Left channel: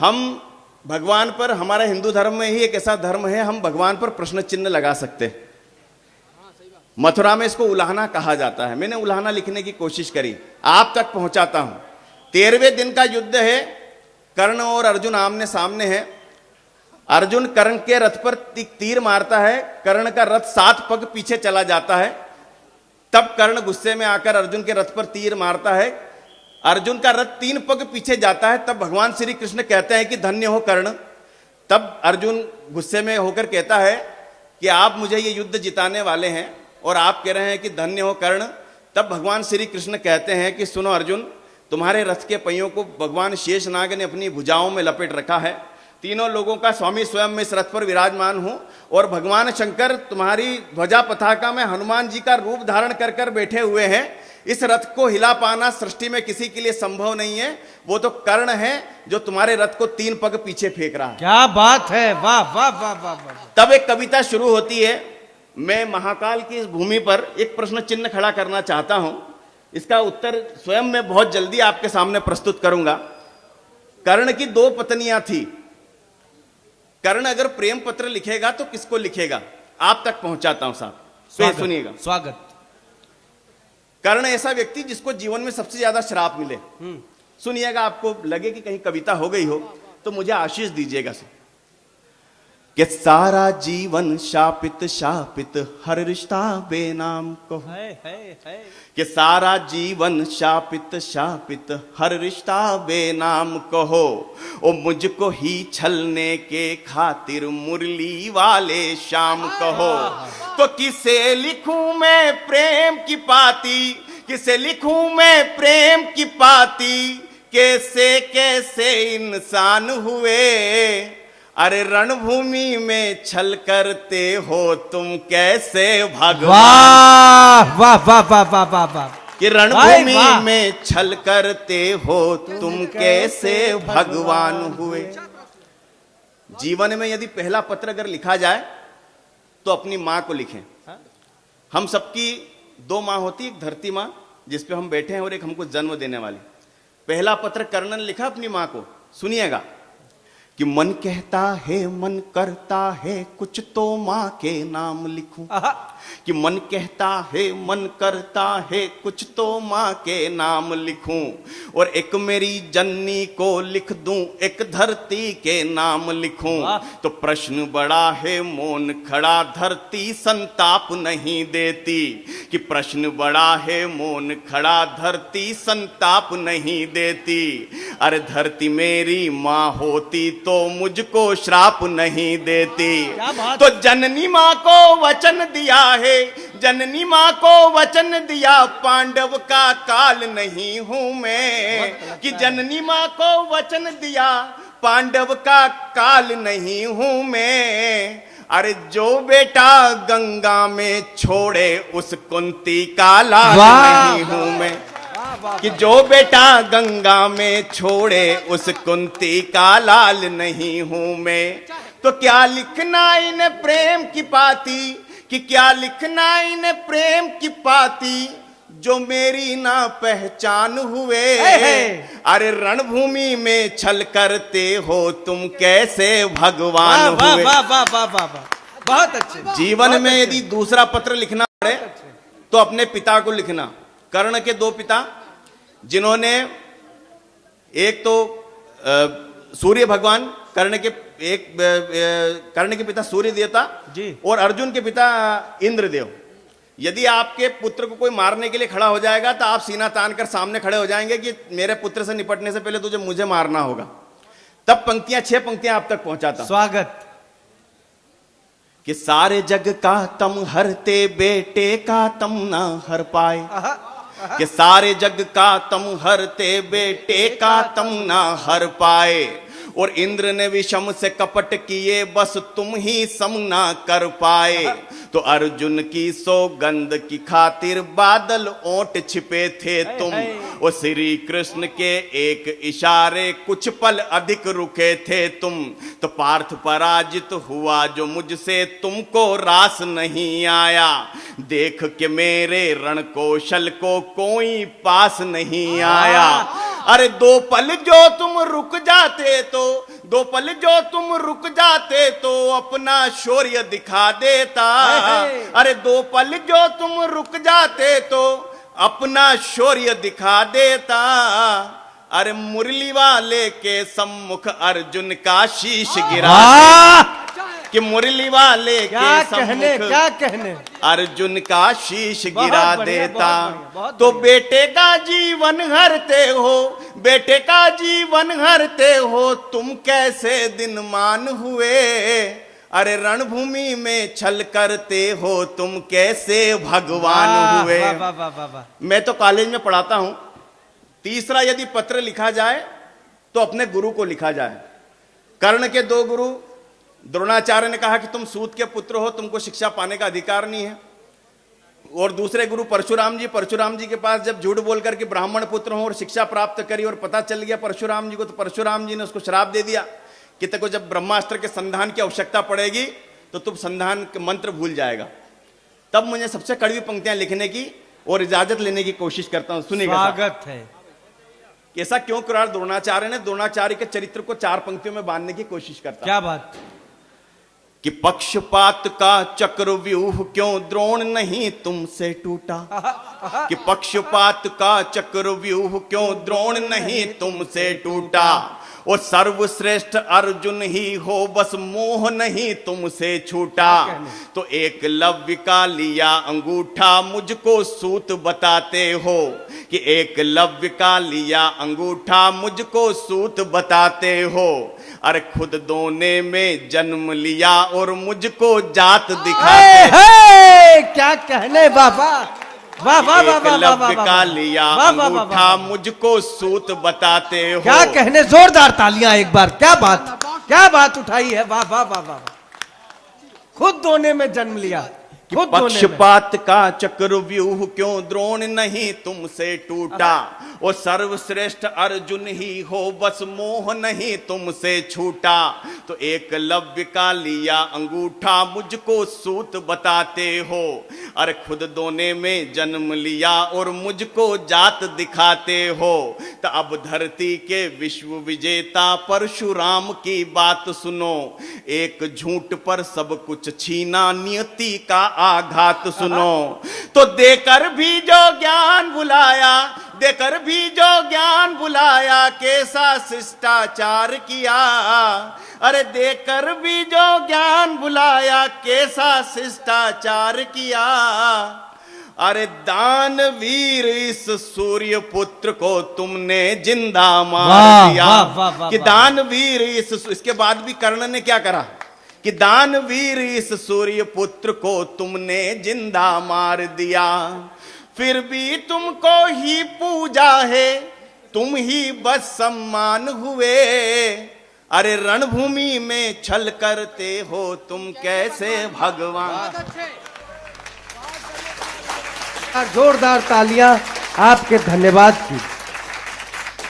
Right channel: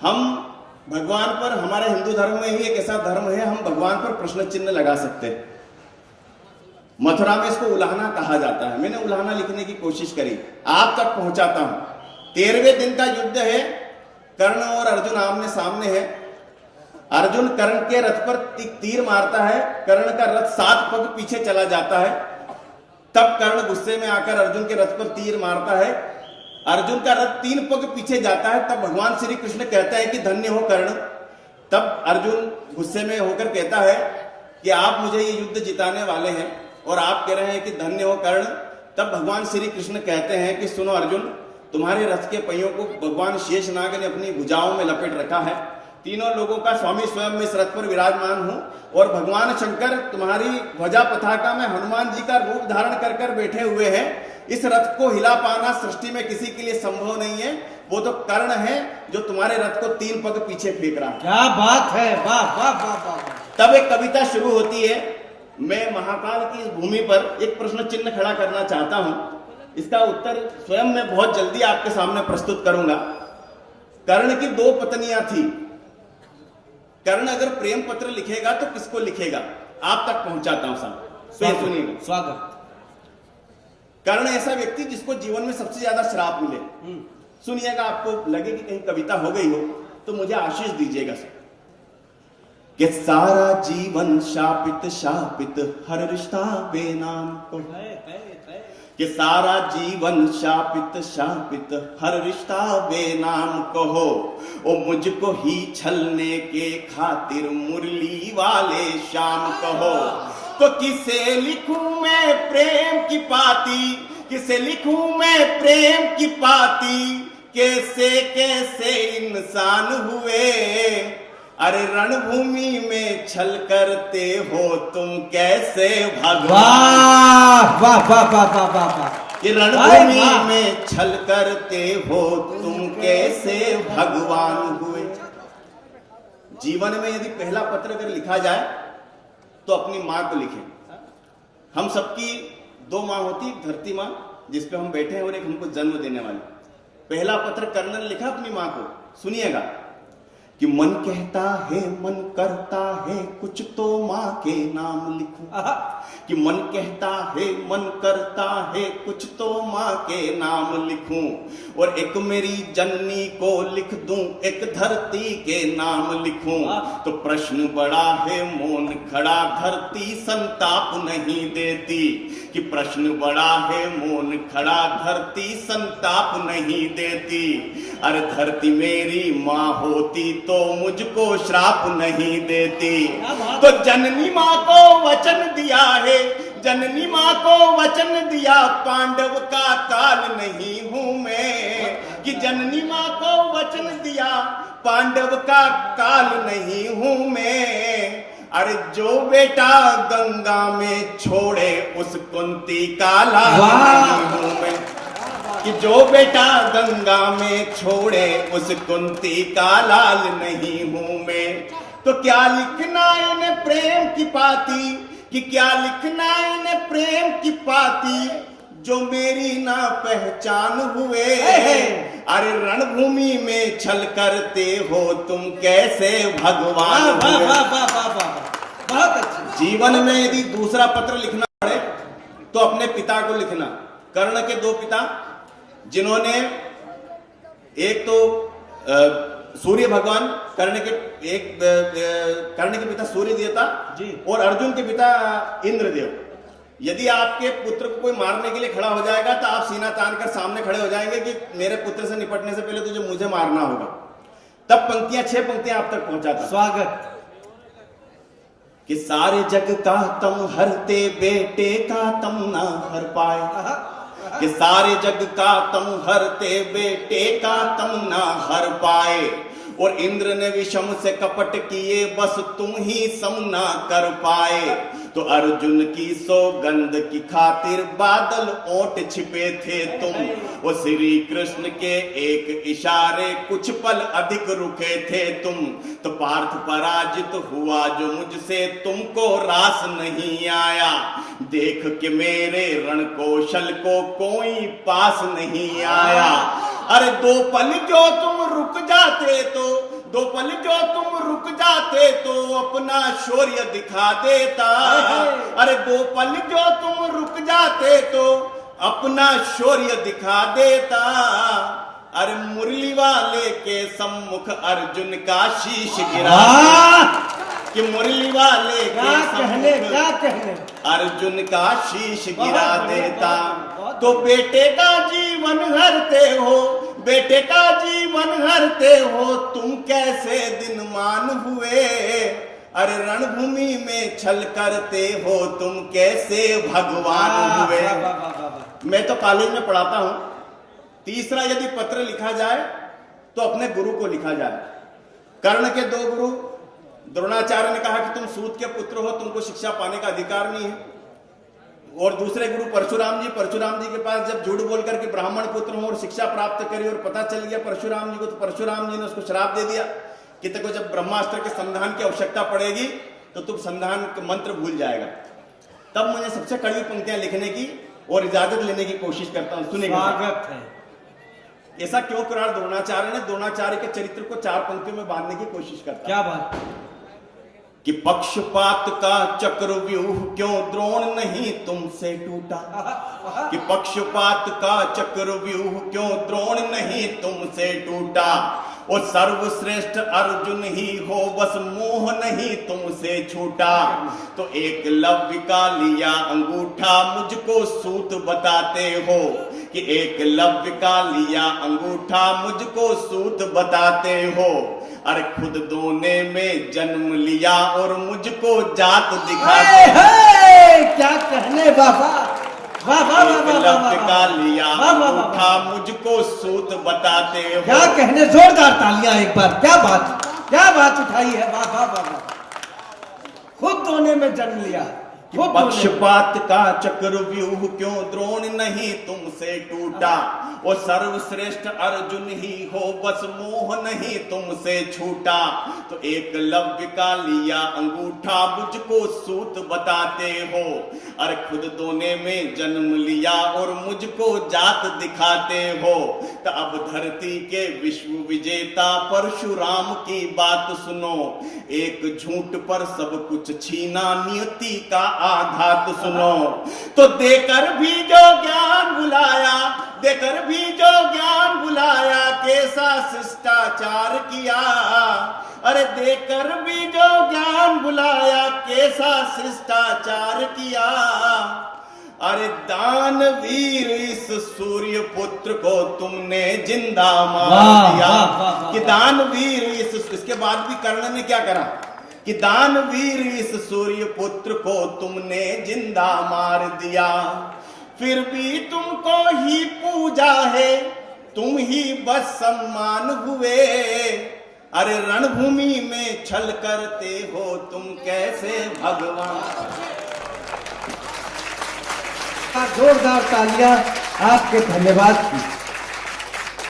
हम भगवान पर, हमारे हिंदू धर्म में ही एक ऐसा धर्म है, हम भगवान पर प्रश्न चिन्ह लगा सकते हैं। मथुरा में इसको उलाहना कहा जाता है। मैंने उलाहना लिखने की कोशिश करी, आप तक पहुंचाता हूं। 13वें दिन का युद्ध है, कर्ण और अर्जुन आमने सामने है। अर्जुन कर्ण के रथ पर तीर मारता है, कर्ण का रथ 7 पग पीछे चला जाता है। तब कर्ण गुस्से में आकर अर्जुन के रथ पर तीर मारता है, अर्जुन का रथ 3 पग पीछे जाता है। तब भगवान श्री कृष्ण कहते हैं कि धन्य हो कर्ण। तब अर्जुन गुस्से में होकर कहता है कि आप मुझे ये युद्ध जिताने वाले हैं और आप कह रहे हैं कि धन्य हो कर्ण। तब भगवान श्री कृष्ण कहते हैं कि सुनो अर्जुन, तुम्हारे रथ के पहियों को भगवान शेषनाग ने अपनी भुजाओं में लपेट रखा है। तीनों लोगों का स्वामी स्वयं मैं इस रथ पर विराजमान हूं और भगवान शंकर तुम्हारी ध्वजा पताका में हनुमान जी का रूप धारण कर कर बैठे हुए हैं। इस रथ को हिला पाना सृष्टि में किसी के लिए संभव नहीं है। वो तो कर्ण है जो तुम्हारे रथ को 3 पग पीछे फेंक रहा है। क्या बात है, वाह वाह वाह वाह। तब एक कविता शुरू होती है। मैं महाकाल की इस भूमि पर एक प्रश्न चिन्ह खड़ा करना चाहता हूं। इसका उत्तर स्वयं मैं बहुत जल्दी आपके सामने प्रस्तुत करूंगा। कर्ण की 2 पत्नियां थी। कर्ण अगर प्रेम पत्र लिखेगा तो किसको लिखेगा, आप तक पहुंचाता हूं साहब, सुनिएगा। स्वागत। कर्ण ऐसा व्यक्ति जिसको जीवन में सबसे ज्यादा श्राप मिले। सुनिएगा, आपको लगे कि कहीं कविता हो गई हो तो मुझे आशीष दीजिएगा सर। कि सारा जीवन शापित शापित, हर रिश्ता बेनाम को है। कि सारा जीवन शापित शापित, हर रिश्ता बेनाम कहो। ओ मुझको ही छलने के खातिर मुरली वाले शाम कहो। तो किसे लिखूं मैं प्रेम की पाती, किसे लिखूं मैं प्रेम की पाती। कैसे कैसे इंसान हुए, अरे रणभूमि में छल करते हो तुम कैसे भगवान। वाह वाह वाह वाह वाह वाह वाह। कि रणभूमि में छल करते हो तुम कैसे भगवान हुए। जीवन में यदि पहला पत्र अगर लिखा जाए तो अपनी मां को लिखें। हम सबकी 2 मां होती, एक धरती मां जिस पे हम बैठे हैं और एक हमको जन्म देने वाली। पहला पत्र कर्ण ने लिखा अपनी मां को, सुनिएगा। कि मन कहता है मन करता है कुछ तो माँ के नाम लिखूं। कि मन कहता है मन करता है कुछ तो माँ के नाम लिखूं। और एक मेरी जननी को लिख दूं, एक धरती के नाम लिखूं। तो प्रश्न बड़ा है मौन खड़ा, धरती संताप नहीं देती। कि प्रश्न बड़ा है मौन खड़ा, धरती संताप नहीं देती। अरे धरती मेरी माँ होती तो मुझको श्राप नहीं देती। तो जननी माँ को वचन दिया है, जननी माँ को वचन दिया, पांडव का काल नहीं हूं मैं। कि जननी माँ को वचन दिया, पांडव का काल नहीं हूं मैं। अरे जो बेटा गंगा में छोड़े उस कुंती का लाल नहीं हूं मैं। कि जो बेटा गंगा में छोड़े उस कुंती का लाल नहीं हूं मैं। तो क्या लिखना इन्हें प्रेम की पाती, कि क्या लिखना इन्हें प्रेम की पाती, जो मेरी ना पहचान हुए। अरे रणभूमि में छल करते हो तुम कैसे भगवान हुए। बहुत अच्छा। जीवन में यदि दूसरा पत्र लिखना पड़े तो अपने पिता को लिखना। कर्ण के 2 पिता, जिन्होंने एक तो सूर्य भगवान, कर्ण के पिता सूर्य देवता जी, और अर्जुन के पिता इंद्रदेव। यदि आपके पुत्र को कोई मारने के लिए खड़ा हो जाएगा तो आप सीना तान कर सामने खड़े हो जाएंगे कि मेरे पुत्र से निपटने से पहले तुझे मुझे मारना होगा। तब पंक्तियां 6 पंक्तियां आप तक पहुंचाता। स्वागत। कि सारे जग का तम हरते, बेटे का तम ना हर पाए। कि सारे जग का तम हरते, बेटे का तम ना हर पाए। और इंद्र ने विषम से कपट किए, बस तुम ही सम ना कर पाए। तो अर्जुन की सौगंध की खातिर बादल ओट छिपे थे तुम। और श्री कृष्ण के एक इशारे कुछ पल अधिक रुके थे तुम। तो पार्थ पराजित हुआ जो मुझसे तुमको रास नहीं आया। देख के मेरे रण कौशल को कोई पास नहीं आया। अरे 2 पल जो तुम रुक जाते तो, दो पल जो तुम रुक जाते तो अपना शौर्य दिखा देता। अरे दो पल जो तुम रुक जाते तो अपना शौर्य दिखा देता। अरे मुरली वाले के सम्मुख अर्जुन का शीश गिरा कि मुरली वाले के सम्मुख क्या कहने अर्जुन का शीश गिरा देता। तो बेटे का जीवन हरते हो, बेटे का जीवन हरते हो, तुम कैसे दिन मान हुए। अरे रणभूमि में छल करते हो, तुम कैसे भगवान हुए। मैं तो कॉलेज में पढ़ाता हूं, तीसरा यदि पत्र लिखा जाए तो अपने गुरु को लिखा जाए। कर्ण के दो गुरु, द्रोणाचार्य ने कहा कि तुम सूत के पुत्र हो, तुमको शिक्षा पाने का अधिकार नहीं है। और दूसरे गुरु परशुराम जी के पास जब झूठ बोल करके ब्राह्मण पुत्र हो और शिक्षा प्राप्त करी और पता चल गया परशुराम जी को, तो परशुराम जी ने उसको श्राप दे दिया कि तेको जब ब्रह्मास्त्र के संधान की आवश्यकता पड़ेगी तो तुम संधान के मंत्र भूल जाएगा। तब मुझे सबसे कड़वी पंक्तियां लिखने की और इजाजत लेने की कोशिश करता हूं, सुनिएगा। स्वागत है। ऐसा क्यों करा द्रोणाचार्य ने? द्रोणाचार्य के चरित्र को 4 पंक्तियों में बांधने की कोशिश करता। क्या बात कि पक्षपात का चक्रव्यूह क्यों द्रोण नहीं तुमसे टूटा। कि पक्षपात का चक्रव्यूह क्यों द्रोण नहीं तुमसे टूटा। वो सर्वश्रेष्ठ अर्जुन ही हो, बस मोह नहीं तुमसे छूटा। तो एकलव्य का लिया अंगूठा मुझको सूत बताते हो। कि एकलव्य का लिया अंगूठा मुझको सूत बताते हो। अरे खुद दोने में जन्म लिया और मुझको जात दिखाते। क्या कहने बाबा। एकलव्य का लिया अंगूठा मुझको सूत बताते हो। क्या कहने, जोरदार तालियां एक बार। क्या बात उठाई है। वाह वाह वाह वाह। खुद दोने में जन्म लिया। पक्षपात का चक्रव्यूह क्यों द्रोण नहीं तुमसे टूटा। वो सर्वश्रेष्ठ अर्जुन ही हो, बस मोह नहीं तुमसे छूटा। तो एकलव्य का लिया अंगूठा मुझको सूत बताते हो। अरे खुद दोने में जन्म लिया और मुझको जात दिखाते हो। तो अब धरती के विश्व विजेता परशुराम की बात सुनो। एक झूठ पर सब कुछ छीना, नियति का आघात सुनो। तो देकर भी जो ज्ञान बुलाया, देकर भी जो ज्ञान बुलाया, कैसा शिष्टाचार किया। अरे देकर भी जो ज्ञान बुलाया, कैसा शिष्टाचार किया। अरे दानवीर इस सूर्य पुत्र को तुमने जिंदा मार दिया। कि दानवीर इसके बाद भी कर्ण ने क्या करा कि दानवीर इस सूर्य पुत्र को तुमने जिंदा मार दिया। फिर भी तुमको ही पूजा है, तुम ही बस सम्मान हुए। अरे रणभूमि में छल करते हो, तुम कैसे भगवान। जोरदार तालियां आपके धन्यवाद की।